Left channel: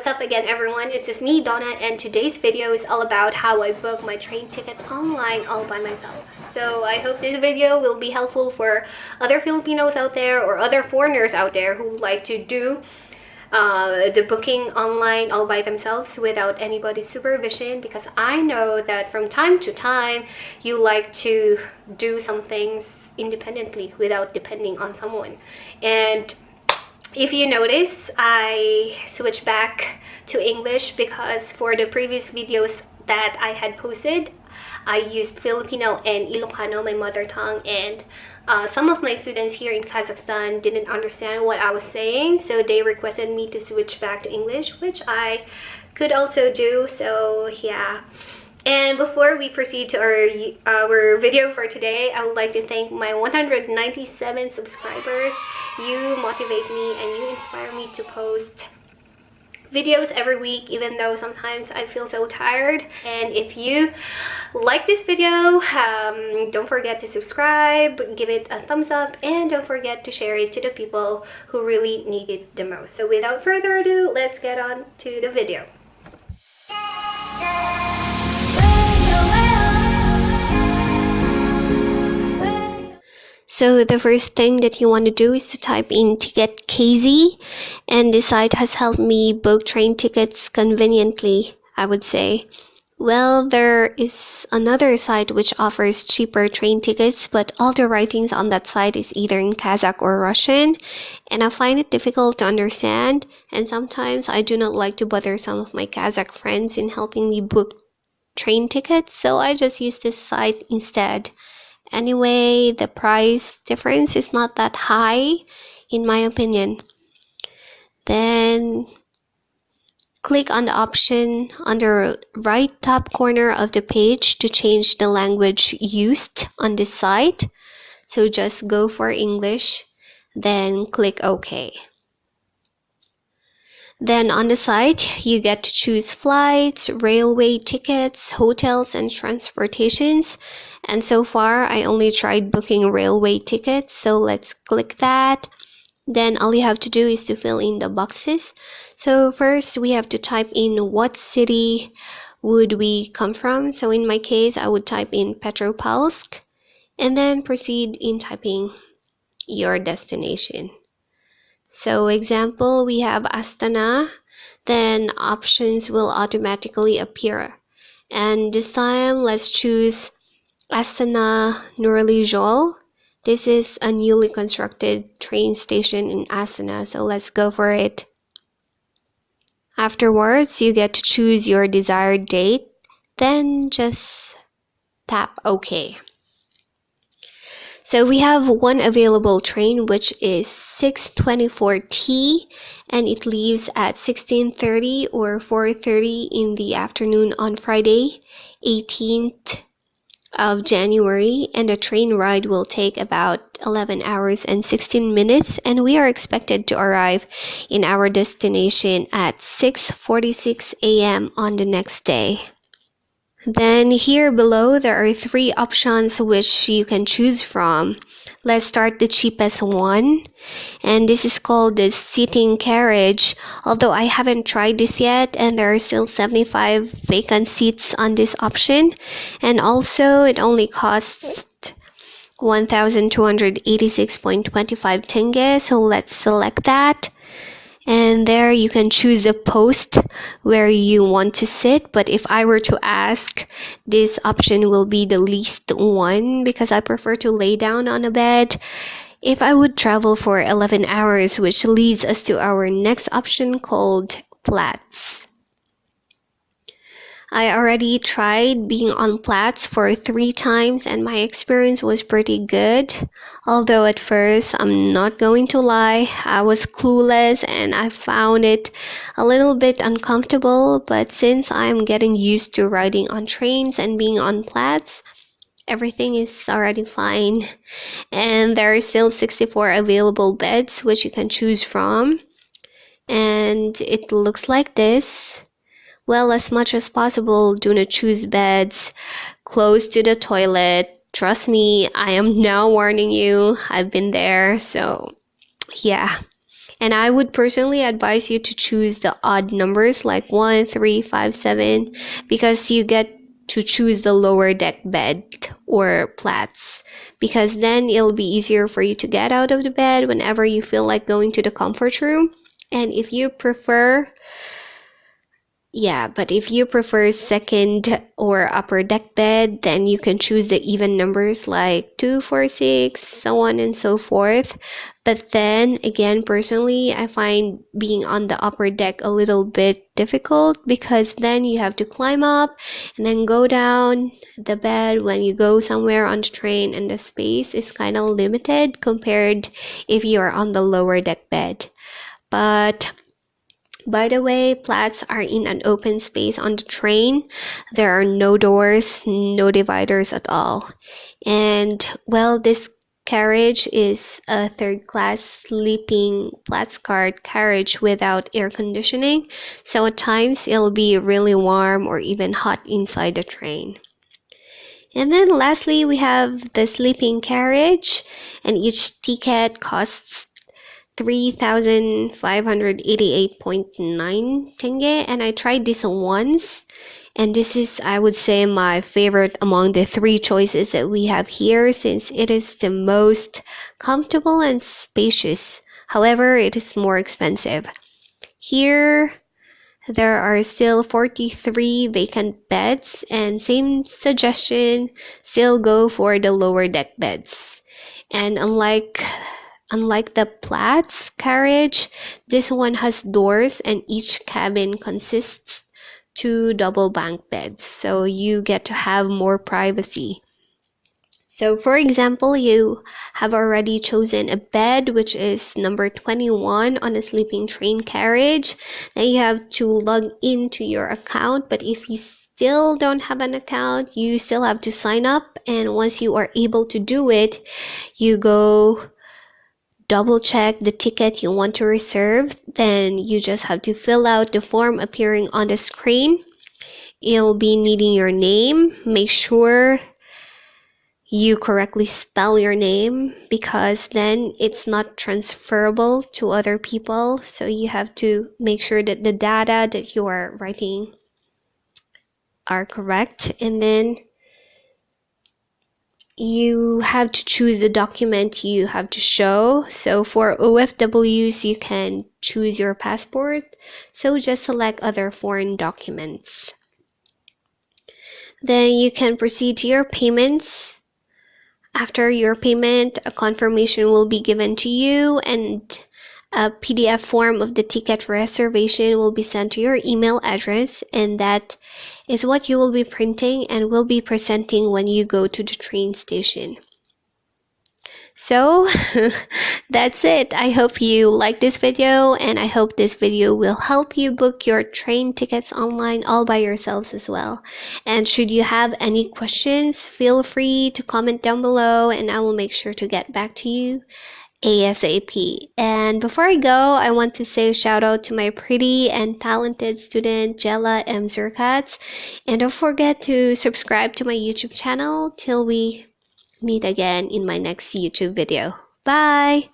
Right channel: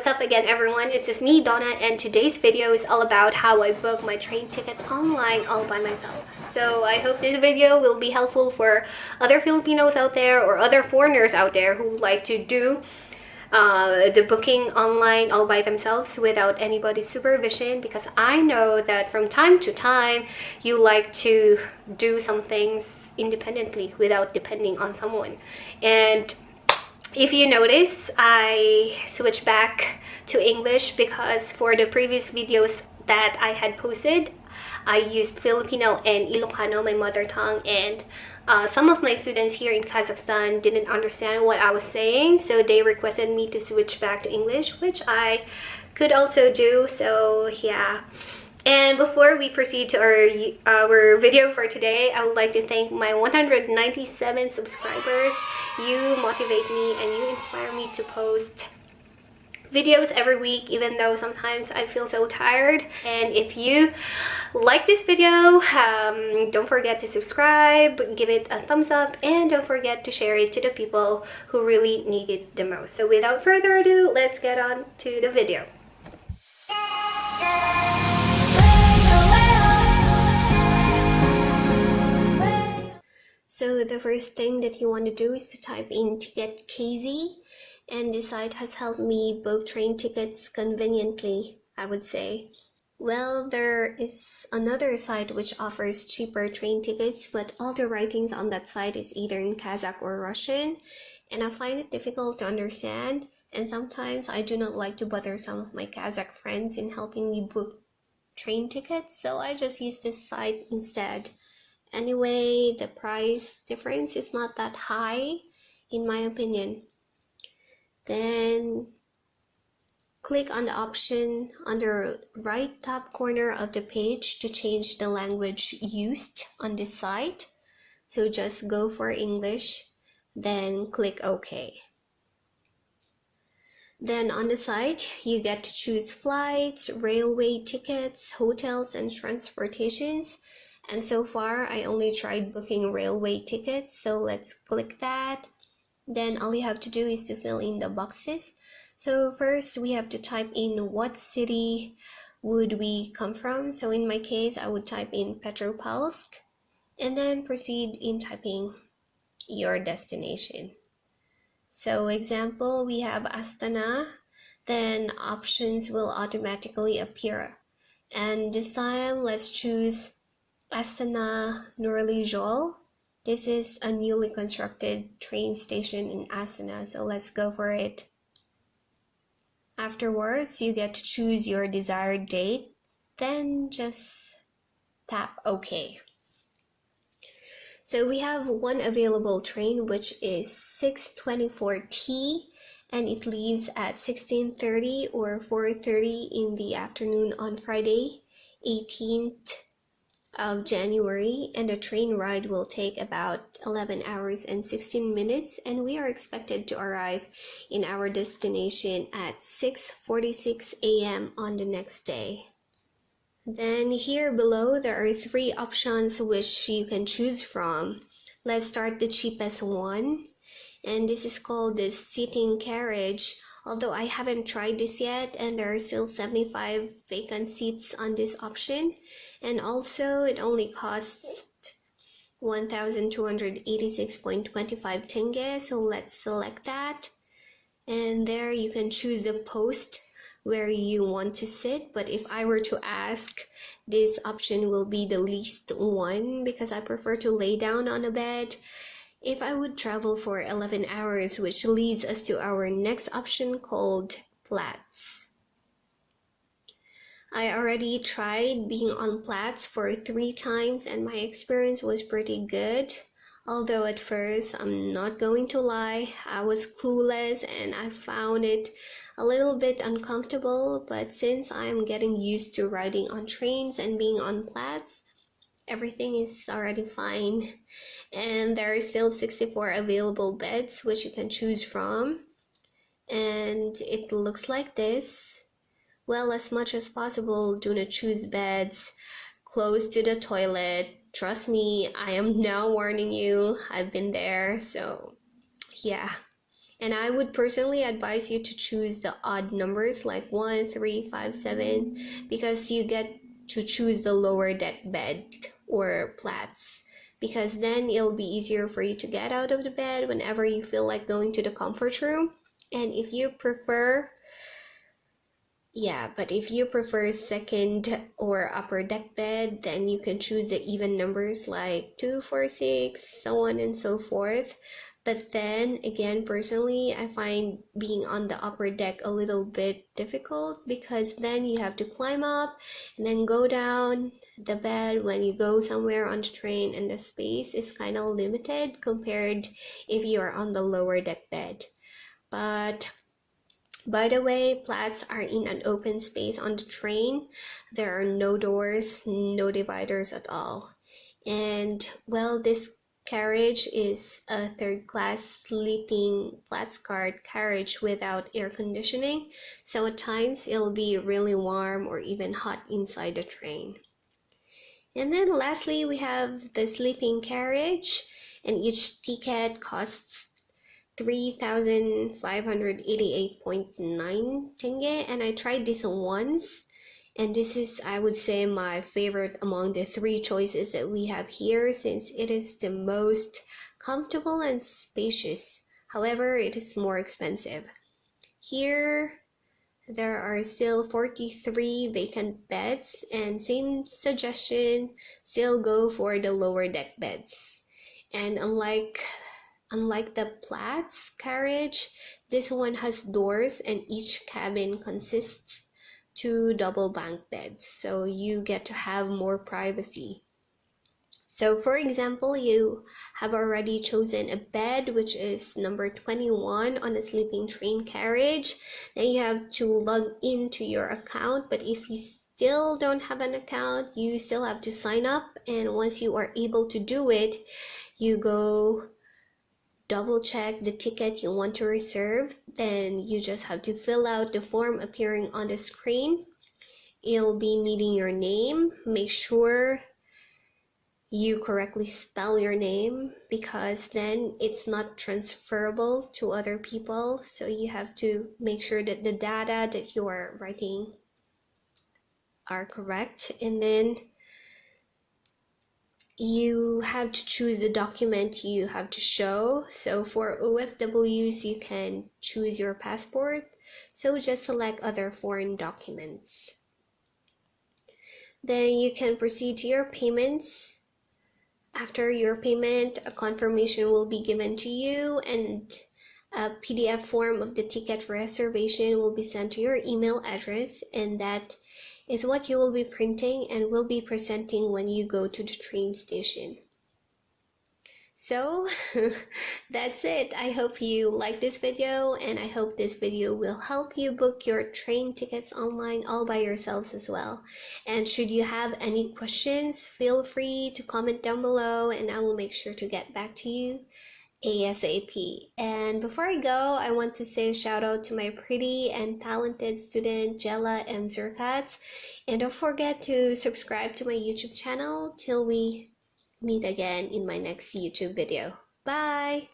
What's up again, everyone? It's just me, Donna, and today's video is all about how I book my train ticket online all by myself. So I hope this video will be helpful for other Filipinos out there or other foreigners out there who like to do the booking online all by themselves without anybody's supervision, because I know that from time to time you like to do some things independently without depending on someone. And if you notice, I switched back to English because for the previous videos that I had posted, I used Filipino and Ilocano, my mother tongue, and some of my students here in Kazakhstan didn't understand what I was saying, so they requested me to switch back to English, which I could also do. So yeah. And before we proceed to our video for today, I would like to thank my 197 subscribers. You motivate me and you inspire me to post videos every week, even though sometimes I feel so tired. And if you like this video, don't forget to subscribe, give it a thumbs up, and don't forget to share it to the people who really need it the most. So without further ado, let's get on to the video. So the first thing that you want to do is to type in ticket KZ, and this site has helped me book train tickets conveniently, I would say. Well, there is another site which offers cheaper train tickets, but all the writings on that site is either in Kazakh or Russian, and I find it difficult to understand, and sometimes I do not like to bother some of my Kazakh friends in helping me book train tickets, so I just use this site instead. Anyway, the price difference is not that high, in my opinion. Then click on the option on the right top corner of the page to change the language used on this site. So just go for English, then click OK. Then on the site, you get to choose flights, railway tickets, hotels, and transportations. And so far, I only tried booking railway tickets, so let's click that. Then all you have to do is to fill in the boxes. So first, we have to type in what city would we come from. So in my case, I would type in Petropavlovsk, and then proceed in typing your destination. So example, we have Astana, then options will automatically appear. And this time, let's choose Astana Nuralizhol. This is a newly constructed train station in Astana, so let's go for it. Afterwards, you get to choose your desired date, then just tap OK. So we have one available train, which is 624T, and it leaves at 16:30 or 4:30 in the afternoon on Friday, 18th of January, and the train ride will take about 11 hours and 16 minutes, and we are expected to arrive in our destination at 6:46 a.m. on the next day. Then here below there are three options which you can choose from. Let's start the cheapest one, and this is called the seating carriage, although I haven't tried this yet, and there are still 75 vacant seats on this option, and also it only costs 1,286.25 tenge, so let's select that. And there you can choose a post where you want to sit, but if I were to ask, this option will be the least one because I prefer to lay down on a bed if I would travel for 11 hours, which leads us to our next option called flats. I already tried being on Platts for 3 times and my experience was pretty good. Although at first, I'm not going to lie, I was clueless and I found it a little bit uncomfortable, but since I'm getting used to riding on trains and being on Platts, everything is already fine. And there are still 64 available beds which you can choose from. And it looks like this. Well, as much as possible, do not choose beds close to the toilet. Trust me, I am now warning you. I've been there, so yeah. And I would personally advise you to choose the odd numbers like 1, 3, 5, 7, because you get to choose the lower deck bed or plats, because then it'll be easier for you to get out of the bed whenever you feel like going to the comfort room. And if you prefer second or upper deck bed, then you can choose the even numbers like 2, 4, 6, so on and so forth. But then again, personally, I find being on the upper deck a little bit difficult, because then you have to climb up and then go down the bed when you go somewhere on the train, and the space is kind of limited compared if you are on the lower deck bed. But by the way, plats are in an open space on the train. There are no doors, no dividers at all. And well, this carriage is a third-class sleeping plats card carriage without air conditioning. So at times it'll be really warm or even hot inside the train. And then lastly, we have the sleeping carriage, and each ticket costs 3,588.9 tenge, and I tried this once, and this is, I would say, my favorite among the 3 choices that we have here, since it is the most comfortable and spacious. However, it is more expensive. Here there are still 43 vacant beds, and same suggestion, still go for the lower deck beds. And unlike the plats carriage, this one has doors, and each cabin consists 2 double bunk beds, so you get to have more privacy. So for example, you have already chosen a bed which is number 21 on a sleeping train carriage. Then you have to log into your account, but if you still don't have an account, you still have to sign up, and once you are able to do it, you go double check the ticket you want to reserve. Then you just have to fill out the form appearing on the screen. It'll be needing your name. Make sure you correctly spell your name, because then it's not transferable to other people. So you have to make sure that the data that you are writing are correct. And then you have to choose the document you have to show. So for OFWs, you can choose your passport. So just select other foreign documents. Then you can proceed to your payments. After your payment, a confirmation will be given to you, and a PDF form of the ticket reservation will be sent to your email address, and that is what you will be printing and will be presenting when you go to the train station. So that's it. I hope you like this video, and I hope this video will help you book your train tickets online all by yourselves as well. And should you have any questions, feel free to comment down below, and I will make sure to get back to you ASAP. And before I go, I want to say a shout out to my pretty and talented student Jella M. Zerkats, and don't forget to subscribe to my YouTube channel till we meet again in my next YouTube video. Bye!